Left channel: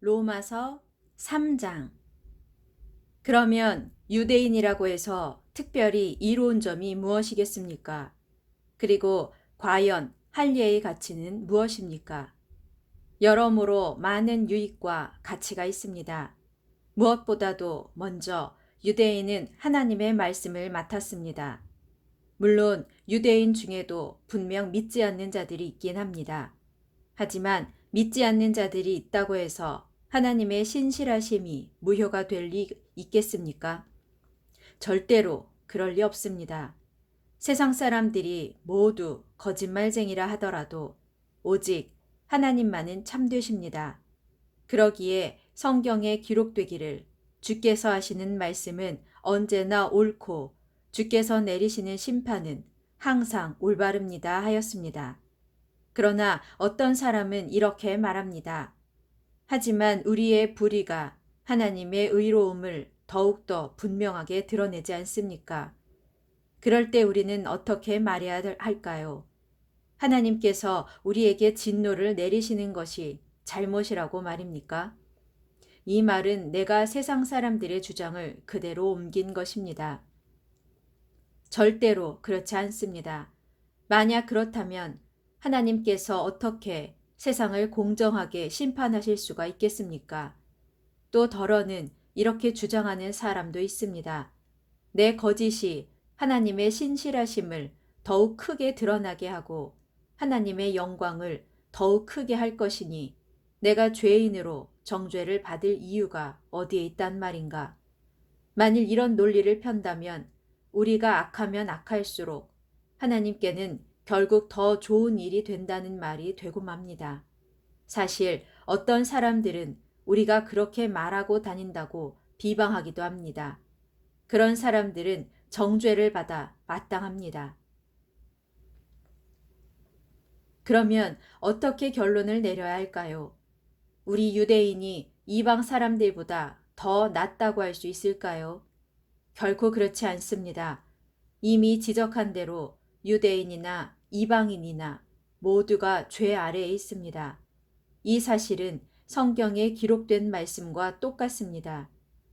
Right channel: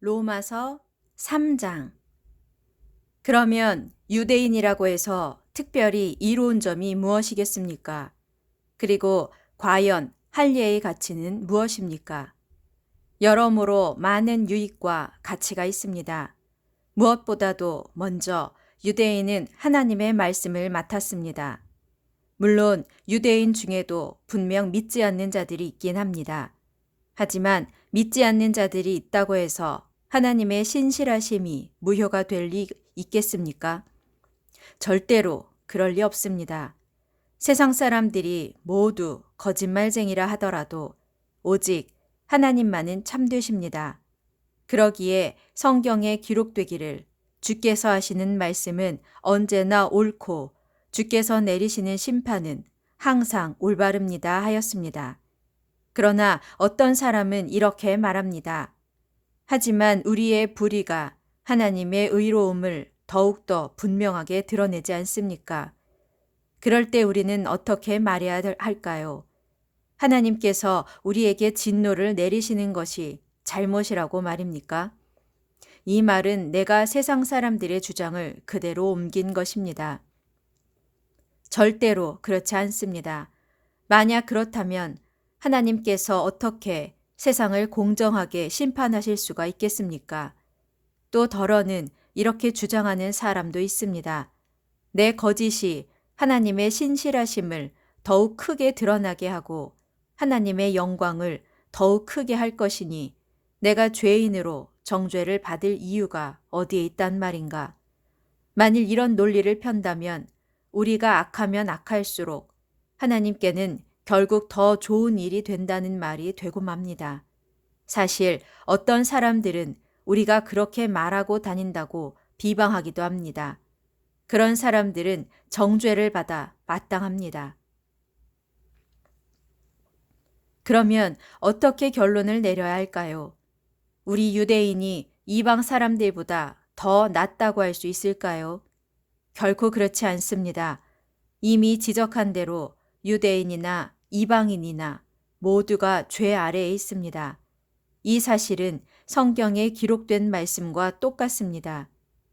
로마서 3장. 그러면 유대인이라고 해서 특별히 이로운 점이 무엇이겠습니까? 그리고 과연 할례의 가치는 무엇입니까? 여러모로 많은 유익과 가치가 있습니다. 무엇보다도 먼저 유대인은 하나님의 말씀을 맡았습니다. 물론 유대인 중에도 분명 믿지 않는 자들이 있긴 합니다. 하지만 믿지 않는 자들이 있다고 해서 하나님의 신실하심이 무효가 될 리 있겠습니까? 절대로 그럴 리 없습니다. 세상 사람들이 모두 거짓말쟁이라 하더라도 오직 하나님만은 참되십니다. 그러기에 성경에 기록되기를 주께서 하시는 말씀은 언제나 옳고 주께서 내리시는 심판은 항상 올바릅니다 하였습니다. 그러나 어떤 사람은 이렇게 말합니다. 하지만 우리의 불의가 하나님의 의로움을 더욱더 분명하게 드러내지 않습니까? 그럴 때 우리는 어떻게 말해야 할까요? 하나님께서 우리에게 진노를 내리시는 것이 잘못이라고 말입니까? 이 말은 내가 세상 사람들의 주장을 그대로 옮긴 것입니다. 절대로 그렇지 않습니다. 만약 그렇다면 하나님께서 어떻게 세상을 공정하게 심판하실 수가 있겠습니까? 또 더러는 이렇게 주장하는 사람도 있습니다. 내 거짓이 하나님의 신실하심을 더욱 크게 드러나게 하고 하나님의 영광을 더욱 크게 할 것이니 내가 죄인으로 정죄를 받을 이유가 어디에 있단 말인가? 만일 이런 논리를 편다면 우리가 악하면 악할수록 하나님께는 결국 더 좋은 일이 된다는 말이 되고 맙니다. 사실 어떤 사람들은 우리가 그렇게 말하고 다닌다고 비방하기도 합니다. 그런 사람들은 정죄를 받아 마땅합니다. 그러면 어떻게 결론을 내려야 할까요? 우리 유대인이 이방 사람들보다 더 낫다고 할 수 있을까요? 결코 그렇지 않습니다. 이미 지적한 대로 유대인이나 이방인이나 모두가 죄 아래에 있습니다. 이 사실은 성경에 기록된 말씀과 똑같습니다.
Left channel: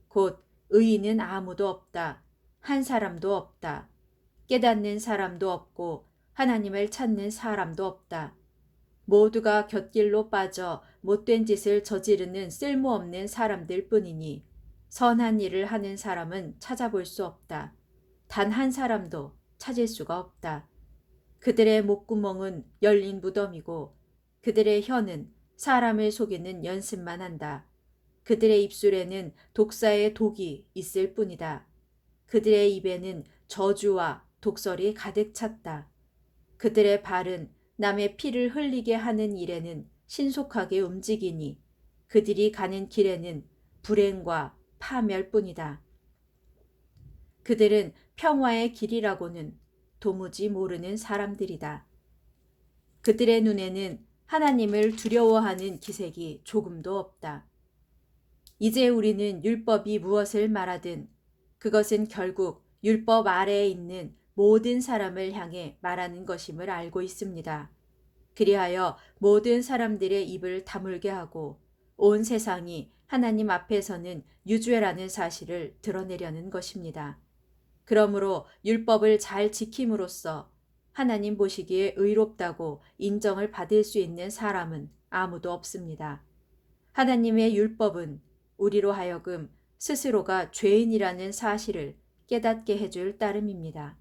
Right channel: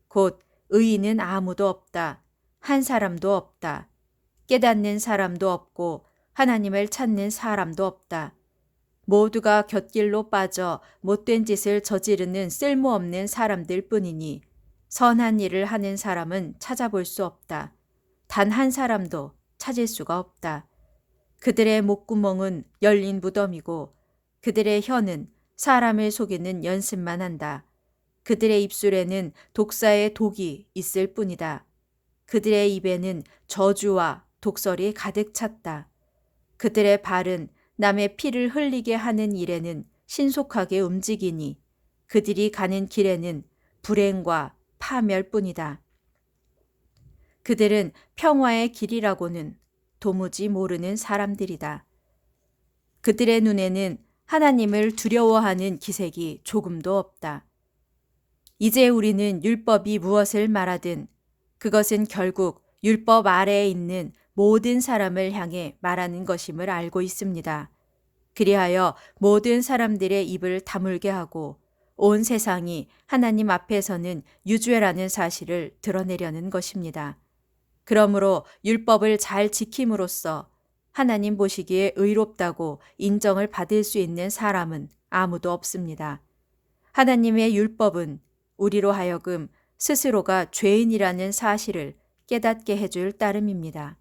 곧 의인은 아무도 없다. 한 사람도 없다. 깨닫는 사람도 없고 하나님을 찾는 사람도 없다. 모두가 곁길로 빠져 못된 짓을 저지르는 쓸모없는 사람들 뿐이니 선한 일을 하는 사람은 찾아볼 수 없다. 단 한 사람도 찾을 수가 없다. 그들의 목구멍은 열린 무덤이고 그들의 혀는 사람을 속이는 연습만 한다. 그들의 입술에는 독사의 독이 있을 뿐이다. 그들의 입에는 저주와 독설이 가득 찼다. 그들의 발은 남의 피를 흘리게 하는 일에는 신속하게 움직이니 그들이 가는 길에는 불행과 파멸뿐이다. 그들은 평화의 길이라고는 도무지 모르는 사람들이다. 그들의 눈에는 하나님을 두려워하는 기색이 조금도 없다. 이제 우리는 율법이 무엇을 말하든 그것은 결국 율법 아래에 있는 모든 사람을 향해 말하는 것임을 알고 있습니다. 그리하여 모든 사람들의 입을 다물게 하고 온 세상이 하나님 앞에서는 유죄라는 사실을 드러내려는 것입니다. 그러므로 율법을 잘 지킴으로써 하나님 보시기에 의롭다고 인정을 받을 수 있는 사람은 아무도 없습니다. 하나님의 율법은 우리로 하여금 스스로가 죄인이라는 사실을 깨닫게 해줄 따름입니다.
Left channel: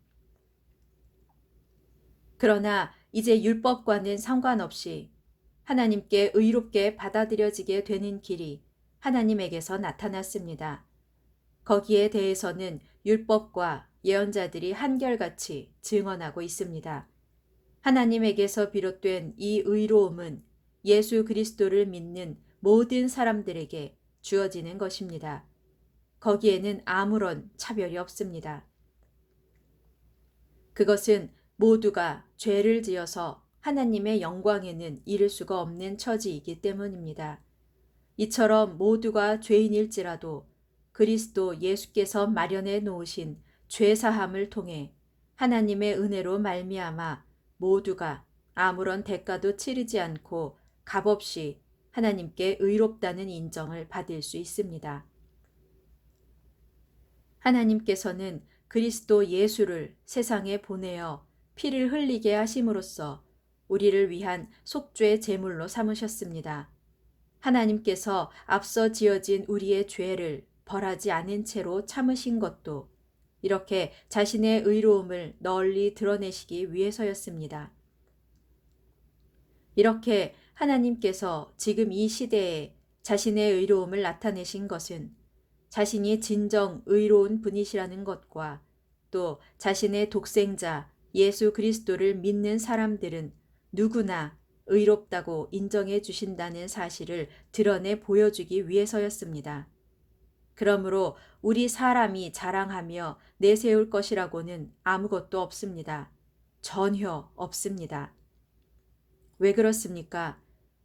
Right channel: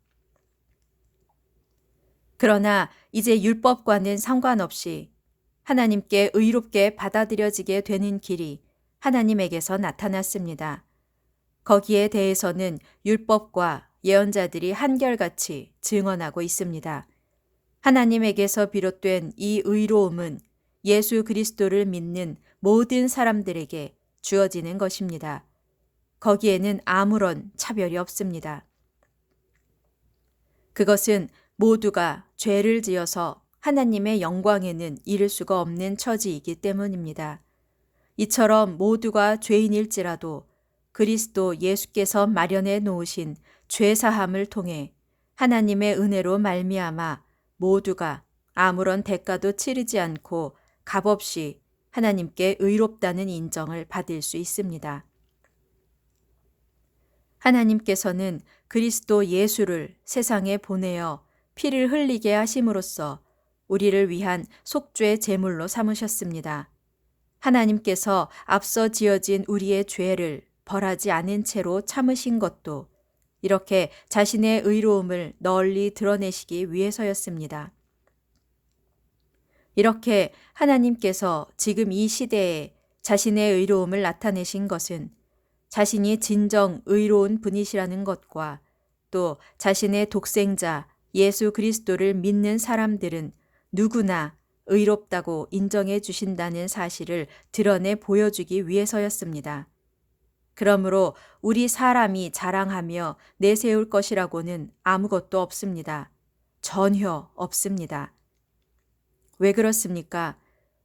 그러나 이제 율법과는 상관없이 하나님께 의롭게 받아들여지게 되는 길이 하나님에게서 나타났습니다. 거기에 대해서는 율법과 예언자들이 한결같이 증언하고 있습니다. 하나님에게서 비롯된 이 의로움은 예수 그리스도를 믿는 모든 사람들에게 주어지는 것입니다. 거기에는 아무런 차별이 없습니다. 그것은 모두가 죄를 지어서 하나님의 영광에는 이를 수가 없는 처지이기 때문입니다. 이처럼 모두가 죄인일지라도 그리스도 예수께서 마련해 놓으신 죄사함을 통해 하나님의 은혜로 말미암아 모두가 아무런 대가도 치르지 않고 값없이 하나님께 의롭다는 인정을 받을 수 있습니다. 하나님께서는 그리스도 예수를 세상에 보내어 피를 흘리게 하심으로써 우리를 위한 속죄 제물로 삼으셨습니다. 하나님께서 앞서 지어진 우리의 죄를 벌하지 않은 채로 참으신 것도 이렇게 자신의 의로움을 널리 드러내시기 위해서였습니다. 이렇게 하나님께서 지금 이 시대에 자신의 의로움을 나타내신 것은 자신이 진정 의로운 분이시라는 것과 또 자신의 독생자 예수 그리스도를 믿는 사람들은 누구나 의롭다고 인정해 주신다는 사실을 드러내 보여주기 위해서였습니다. 그러므로 우리 사람이 자랑하며 내세울 것이라고는 아무것도 없습니다. 전혀 없습니다. 왜 그렇습니까?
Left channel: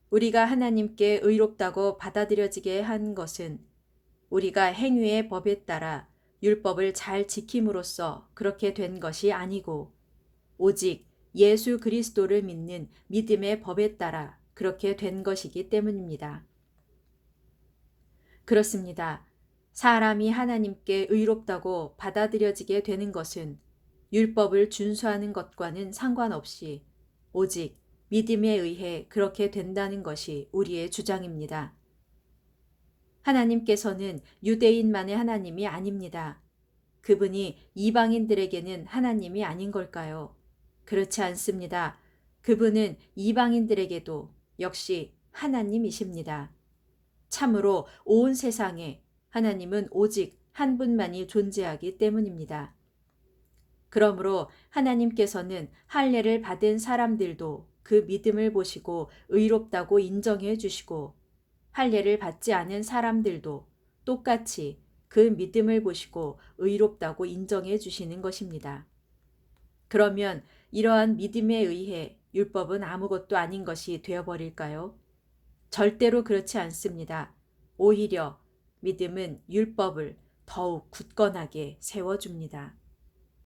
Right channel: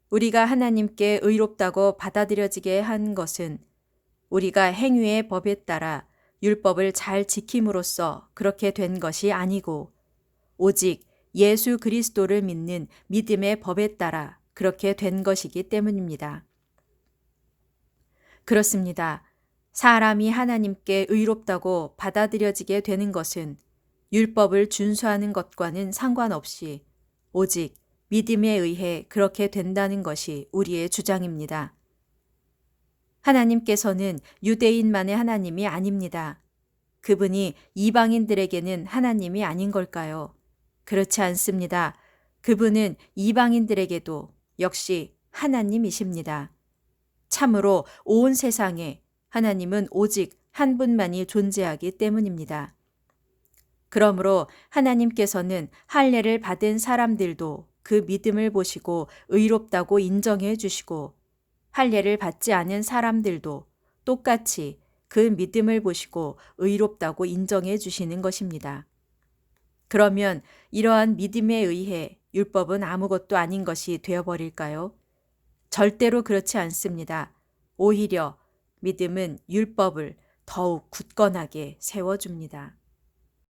우리가 하나님께 의롭다고 받아들여지게 한 것은 우리가 행위의 법에 따라 율법을 잘 지킴으로써 그렇게 된 것이 아니고 오직 예수 그리스도를 믿는 믿음의 법에 따라 그렇게 된 것이기 때문입니다. 그렇습니다. 사람이 하나님께 의롭다고 받아들여지게 되는 것은 율법을 준수하는 것과는 상관없이 오직 믿음에 의해 그렇게 된다는 것이 우리의 주장입니다. 하나님께서는 유대인만의 하나님이 아닙니다. 그분이 이방인들에게는 하나님이 아닌 걸까요? 그렇지 않습니다. 그분은 이방인들에게도 역시 하나님이십니다. 참으로 온 세상에 하나님은 오직 한 분만이 존재하기 때문입니다. 그러므로 하나님께서는 할례를 받은 사람들도 그 믿음을 보시고 의롭다고 인정해 주시고 할례를 받지 않은 사람들도 똑같이 그 믿음을 보시고 의롭다고 인정해 주시는 것입니다. 그러면 이러한 믿음에 의해 율법은 아무것도 아닌 것이 되어버릴까요? 절대로 그렇지 않습니다. 오히려 믿음은 율법을 더욱 굳건하게 세워줍니다.